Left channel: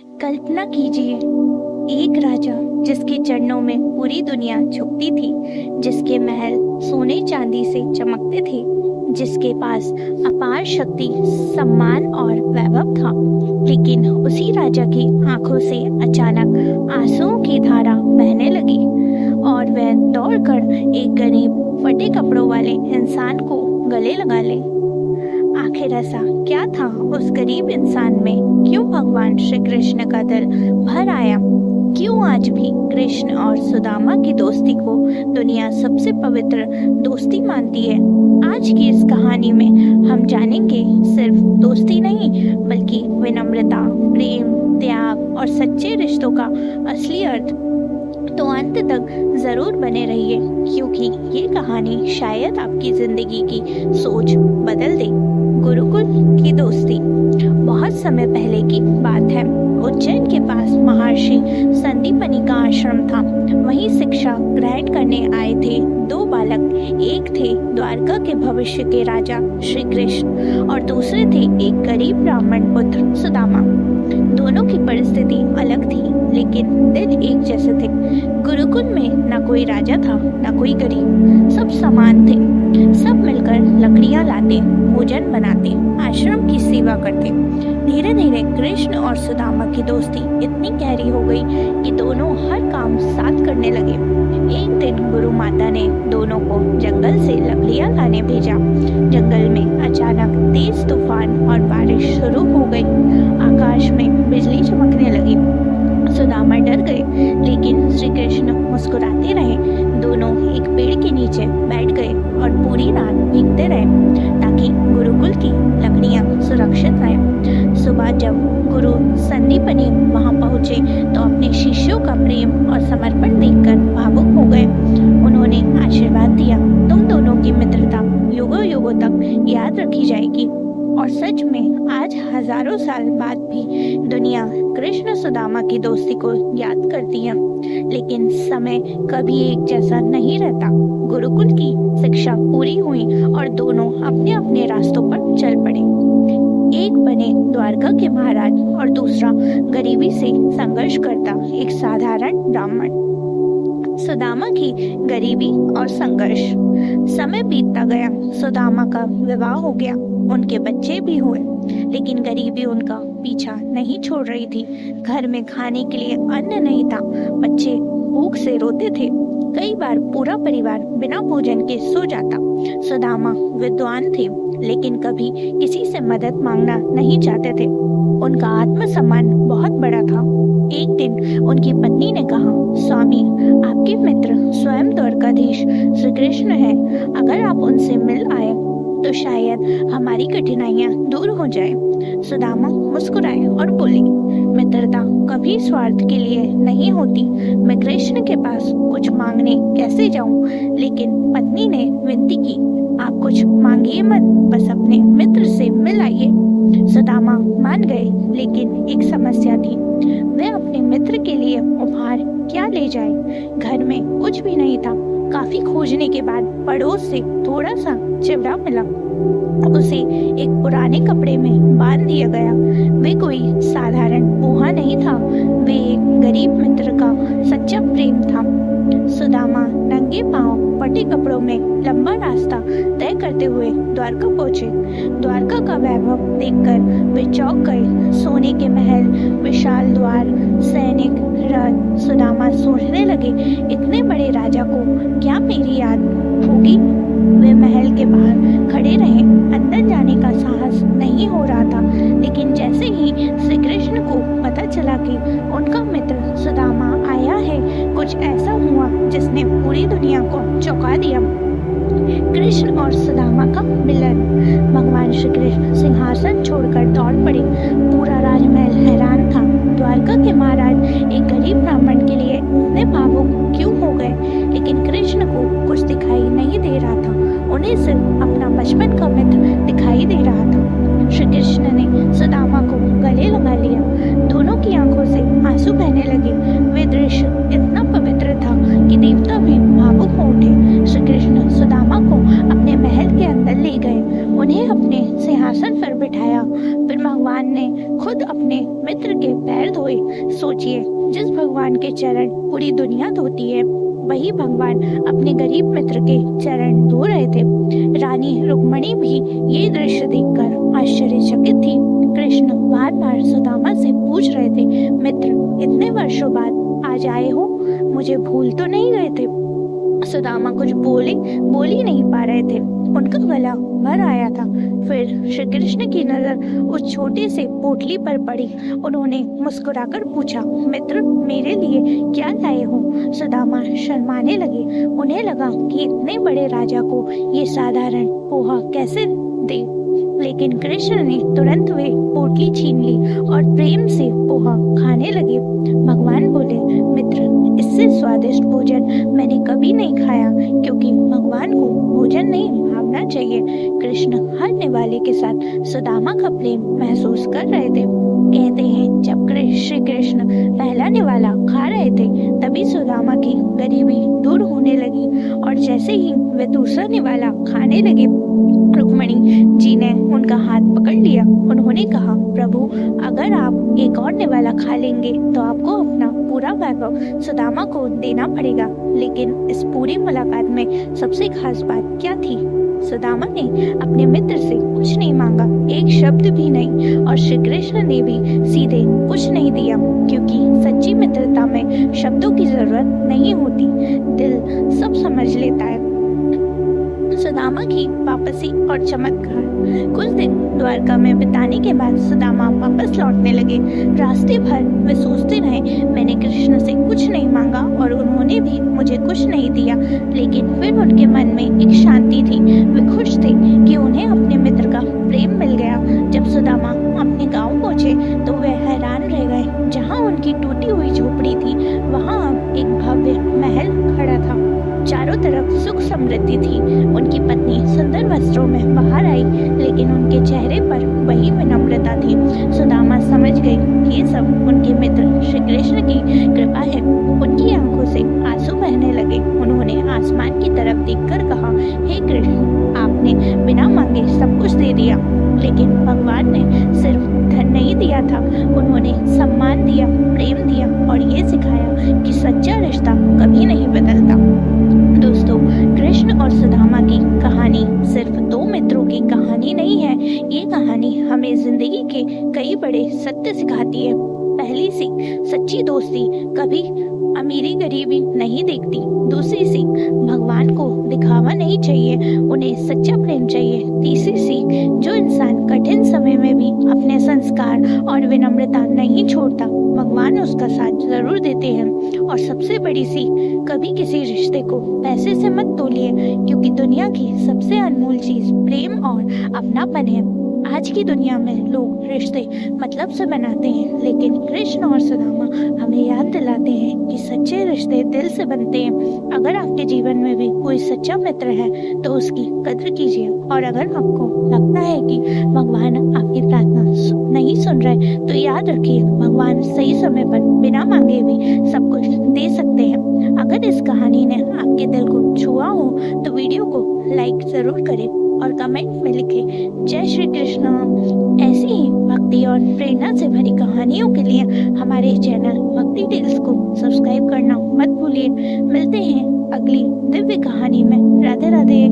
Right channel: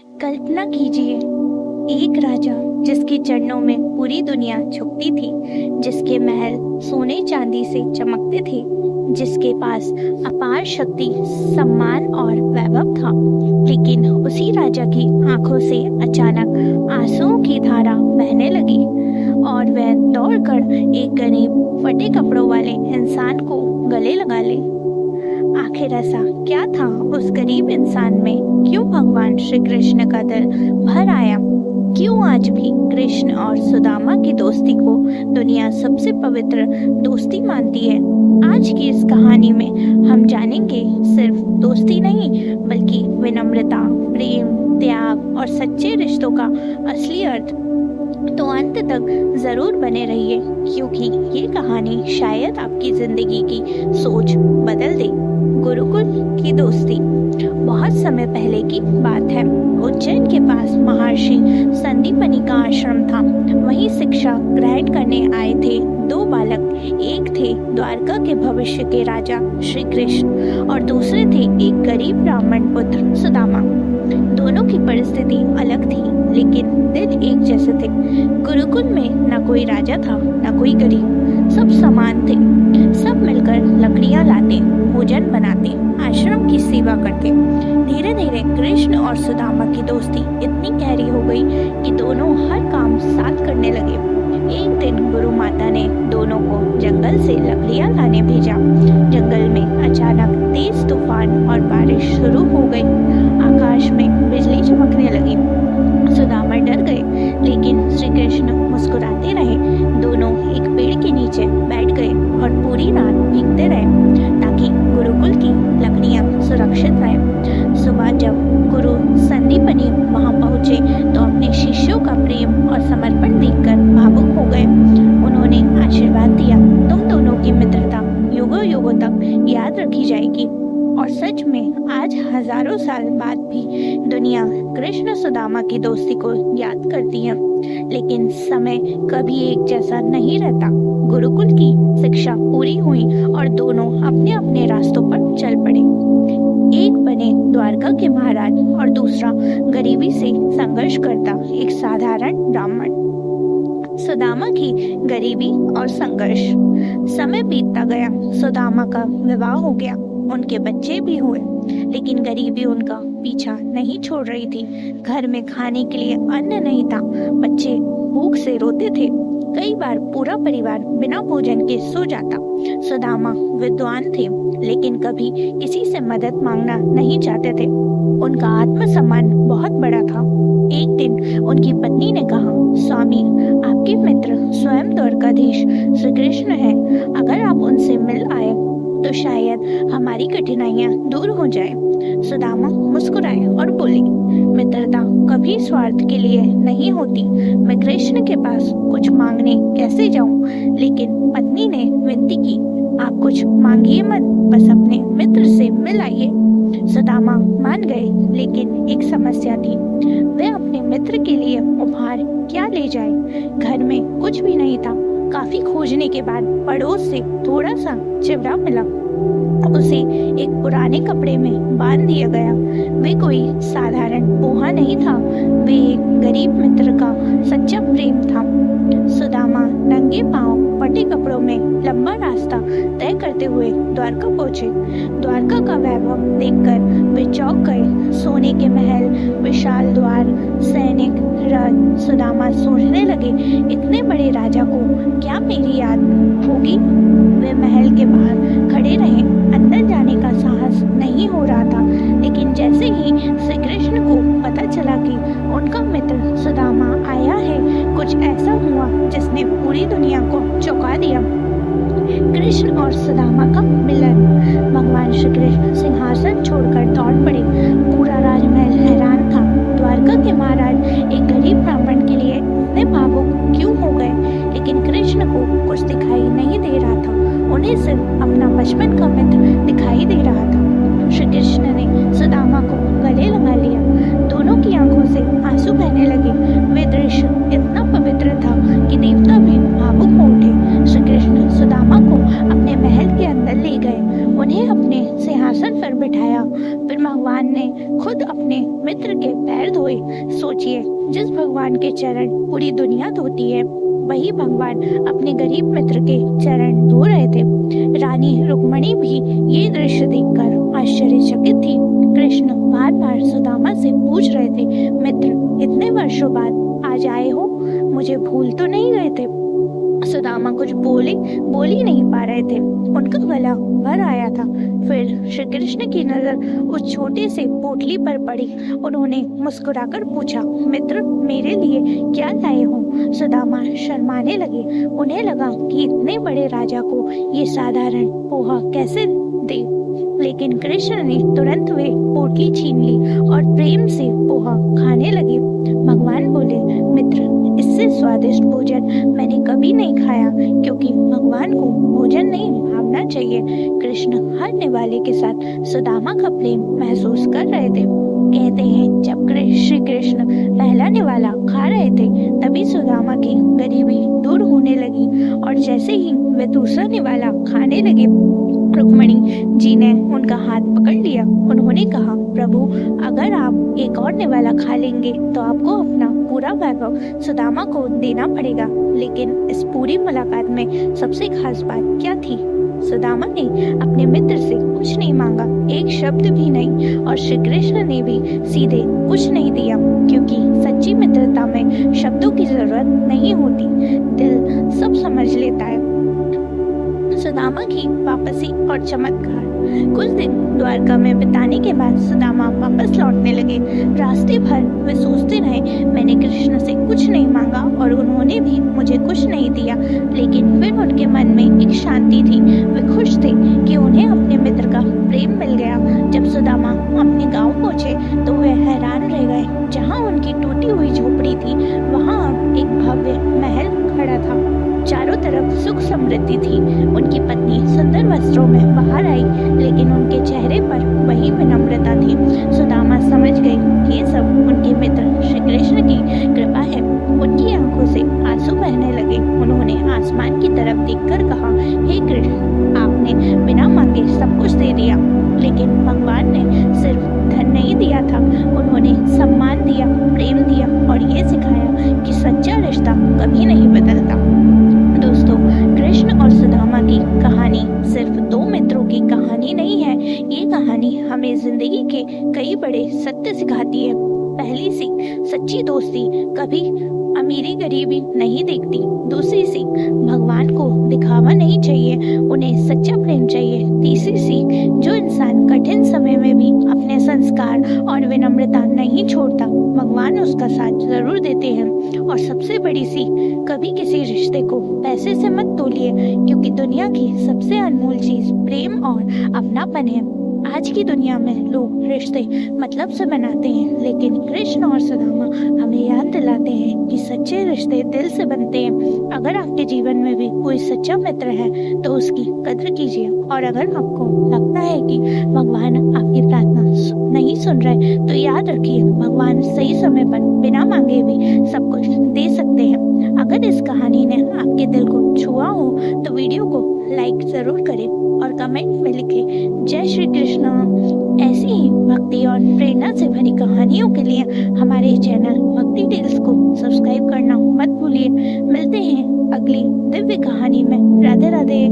कल्पना कीजिए, एक राजा जिसके चरणों में पूरी दुनिया झुकती थी, जिसके महल सोने चांदी से चमकते थे, जिसके पास अपार शक्ति, सम्मान और वैभव था। लेकिन उसी राजा की आंखों से अचानक आंसुओं की धारा बहने लगी और वह दौड़कर एक गरीब फटे कपड़ों वाले इंसान को गले लगा ले। आखिर ऐसा क्या था उस गरीब इंसान में? क्यों भगवान श्री कृष्ण का दिल भर आया? क्यों आज भी कृष्ण और सुदामा की दोस्ती को दुनिया सबसे पवित्र दोस्ती मानती है? आज की इस कहानी में हम जानेंगे सिर्फ दोस्ती नहीं, बल्कि विनम्रता, प्रेम, त्याग और सच्चे रिश्तों का असली अर्थ। तो अंत तक जरूर बने रहिए, क्योंकि ये कहानी शायद आपकी जिंदगी की सोच बदल दे। गुरुकुल की दोस्ती। बहुत समय पहले की बात है। उज्जैन के पास महर्षि संदीपनी का आश्रम था। वहीं शिक्षा ग्रहण करने आए थे दो बालक। एक थे द्वारका के भविष्य के राजा श्री कृष्ण और दूसरे थे एक गरीब ब्राह्मण पुत्र सुदामा। दोनों की परिस्थिति अलग थी, लेकिन दिल एक जैसे थे। गुरुकुल में न कोई राजा था, न कोई गरीब, सब समान थे। सब मिलकर लकड़ियां लाते, भोजन बनाते, आश्रम की सेवा करते। धीरे धीरे कृष्ण और सुदामा की दोस्ती इतनी गहरी हो गई कि दोनों हर काम साथ करने लगे। एक दिन गुरु माता ने दोनों को जंगल से लकड़ियां लाने भेजा। जंगल में अचानक तेज तूफान और बारिश शुरू हो गई। आकाश में बिजली चमकने लगी। सुदामा डर गए, लेकिन श्री कृष्ण मुस्कुराते रहे। दोनों एक पेड़ के नीचे बैठ गए और पूरी रात भीगते रहे ताकि गुरुकुल की लकड़ियां सुरक्षित रहें। सुबह जब गुरु संदीपनी वहां पहुंचे तो अपने शिष्यों का प्रेम और समर्पण देखकर भावुक हो गए। उन्होंने आशीर्वाद दिया, तुम दोनों की मित्रता युगों युगों तक याद रखी जाएगी। और सच में आज हजारों साल बाद भी दुनिया कृष्ण सुदामा की दोस्ती को याद करती है। लेकिन समय कभी एक जैसा नहीं रहता। गुरुकुल की शिक्षा पूरी हुई और दोनों अपने अपने रास्तों पर चल पड़े। एक बने द्वारका के महाराज और दूसरा गरीबी से संघर्ष करता एक साधारण ब्राह्मण। सुदामा की गरीबी और संघर्ष। समय बीतता गया। सुदामा का विवाह हो गया, उनके बच्चे भी हुए, लेकिन गरीबी उनका पीछा नहीं छोड़ रही थी। घर में खाने के लिए अन्न नहीं था, बच्चे भूख से रोते थे। कई बार पूरा परिवार बिना भोजन के सो जाता। सुदामा विद्वान थे, लेकिन कभी किसी से मदद मांगना नहीं चाहते थे। उनका आत्मसम्मान बहुत बड़ा था। एक दिन उनकी पत्नी ने कहा, स्वामी, आपके मित्र स्वयं द्वारकाधीश श्री कृष्ण हैं। अगर आप उनसे मिल आए तो शायद हमारी कठिनाइयां दूर हो जाए। सुदामा मुस्कुराए और बोले, मित्रता कभी स्वार्थ के लिए नहीं होती। मैं कृष्ण के पास कुछ मांगने कैसे जाऊं? लेकिन पत्नी ने विनती की, आप कुछ मांगिए मत, बस अपने मित्र से मिल आइए। सुदामा मान गए, लेकिन एक समस्या थी। वे अपने मित्र के लिए उपहार क्या ले जाए? घर में कुछ भी नहीं था। काफी खोजने के बाद पड़ोस से थोड़ा सा चिवड़ा मिला। उसे एक पुराने कपड़े में बांध दिया गया। वे कोई साधारण पोहा नहीं था, वे एक गरीब मित्र का सच्चा प्रेम था। सुदामा नंगे पांव फटे कपड़ों में लंबा रास्ता तय करते हुए द्वारका पहुंचे। द्वारका का वैभव देखकर वे चौंक गए। सोने के महल, विशाल द्वार, सैनिक, रथ। सुदामा सोचने लगे, इतने बड़े राजा को क्या मेरी याद होगी? वे महल के बाहर खड़े रहे। अंदर जाने का साहस नहीं हो रहा था, लेकिन जैसे ही श्री कृष्ण को पता चला कि उनका मित्र सुदामा आया है, कुछ ऐसा हुआ जिसने पूरी दुनिया को चौंका दिया। कृष्ण और सुदामा का मिलन। भगवान श्री कृष्ण सिंहासन छोड़कर दौड़ पड़े। पूरा राजमहल हैरान था। द्वारका के महाराज एक गरीब ब्राह्मण के लिए इतने भावुक क्यों हो गए? लेकिन कृष्ण को कुछ दिखाई नहीं दे रहा था। उन्हें सिर्फ अपना बचपन का मित्र दिखाई दे रहा था। श्री कृष्ण ने सुदामा को गले लगा लिया। दोनों की आंखों आंखों से आंसू बहने लगे। वे दृश्य इतना पवित्र था कि देवता भी भावुक हो उठे। श्री कृष्ण सुदामा को अपने महल के अंदर ले गए, उन्हें अपने सिंहासन पर बिठाया। फिर भगवान ने खुद अपने मित्र के पैर धोए। सोचिए, जिस भगवान के चरण पूरी दुनिया धोती है, वही भगवान अपने गरीब मित्र के चरण धो रहे थे। रानी रुक्मणी भी ये दृश्य देखकर आश्चर्यचकित थी। कृष्ण बार बार सुदामा से पूछ रहे थे, मित्र, इतने वर्षों बाद आज आए हो, मुझे भूल तो नहीं गए थे? सुदामा कुछ बोल ही नहीं पा रहे थे, उनका गला भर आया था। फिर श्री कृष्ण की नजर उस छोटे से पोटली पर पड़ी। उन्होंने मुस्कुराकर पूछा, मित्र, मेरे लिए क्या लाए हो? सुदामा शर्माने लगे। उन्हें लगा कि इतने बड़े राजा को ये साधारण पोहा कैसे दे, लेकिन कृष्ण ने तुरंत वे पोटली छीन ली और प्रेम से पोहा खाने लगे। भगवान बोले, मित्र, इससे स्वादिष्ट भोजन मैंने कभी नहीं खाया, क्योंकि भगवान को भोजन नहीं भावना चाहिए। कृष्ण हर निवाले के साथ सुदामा का प्रेम महसूस कर रहे थे। कहते हैं, जब श्री कृष्ण पहला निवाला खा रहे थे, तभी सुदामा की गरीबी दूर होने लगी, और जैसे ही वे दूसरा निवाला खाने लगे, रुक्मणी जी ने उनका हाथ पकड़ लिया। उन्होंने कहा, प्रभु, अगर आप एक और निवाला खा लेंगे तो आपको अपना पूरा वैभव सुदामा को देना पड़ेगा। लेकिन इस पूरी मुलाकात में सबसे खास बात क्या थी? सुदामा ने अपने मित्र से कुछ नहीं मांगा, एक शब्द भी नहीं, और श्री कृष्ण ने भी सीधे कुछ नहीं दिया, क्योंकि सच्ची मित्रता में शब्दों की जरूरत नहीं होती, दिल सब समझ लेता है। सुदामा की वापसी और चमत्कार। कुछ दिन द्वारका में बिताने के बाद सुदामा वापस लौटने लगे। रास्ते भर वे सोचते रहे, मैंने कृष्ण से कुछ नहीं मांगा और उन्होंने भी मुझे कुछ नहीं दिया। लेकिन फिर उनके मन में एक शांति थी। वे खुश थे कि उन्हें अपने मित्र का प्रेम मिल गया। जब सुदामा अपने गाँव पहुँचे तो वे हैरान रह गए। जहाँ उनकी टूटी हुई झोपड़ी थी, वहाँ अब एक भव्य महल खड़ा था। चारों तरफ सुख समृद्धि थी। उनकी पत्नी सुंदर वस्त्रों में बाहर आई, लेकिन उनके चेहरे पर वही विनम्रता थी। सुदामा समझ गई कि ये सब उनके मित्र श्री कृष्ण की कृपा है। उनकी आंखों से आंसू बहने लगे। उन्होंने आसमान की तरफ देखकर कहा, हे कृष्ण, आपने बिना मांगे सब कुछ दे दिया, लेकिन भगवान ने सिर्फ धन नहीं दिया था, उन्होंने सम्मान दिया, प्रेम दिया और ये सिखाया कि सच्चा रिश्ता कभी नहीं बदलता। दोस्तों, कृष्ण और सुदामा की कहानी सिर्फ दो मित्रों की कहानी नहीं है। ये कहानी हमें जिंदगी के कई बड़े सत्य सिखाती है। पहली सीख, सच्ची दोस्ती कभी अमीरी गरीबी नहीं देखती। दूसरी सीख, भगवान को दिखावा नहीं चाहिए, उन्हें सच्चा प्रेम चाहिए। तीसरी सीख, जो इंसान कठिन समय में भी अपने संस्कार और विनम्रता नहीं छोड़ता, भगवान उसका साथ जरूर देते हैं। और सबसे बड़ी सीख, कभी किसी रिश्ते को पैसे से मत तोलिए, क्योंकि दुनिया की सबसे अनमोल चीज प्रेम और अपनापन है। आज की दुनिया में लोग रिश्ते मतलब से बनाते हैं, लेकिन कृष्ण और सुदामा हमें याद दिलाते हैं कि सच्चे रिश्ते दिल से बनते हैं। अगर आपके जीवन में भी कोई सच्चा मित्र है तो उसकी कद्र कीजिए, और अगर आपको लगता है कि भगवान आपकी प्रार्थना नहीं सुन रहे, तो याद रखिए, भगवान सही समय पर बिना मांगे भी सब कुछ दे सकते हैं। अगर इस कहानी ने आपके दिल को छुआ हो तो वीडियो को लाइक जरूर करें और कमेंट में लिखें, जय श्री कृष्ण। ऐसी ही भक्ति और प्रेरणा से भरी कहानियों के लिए हमारे चैनल भक्ति टेल्स को सब्सक्राइब करना मत भूलिए। मिलते हैं अगली दिव्य कहानी में। राधे राधे।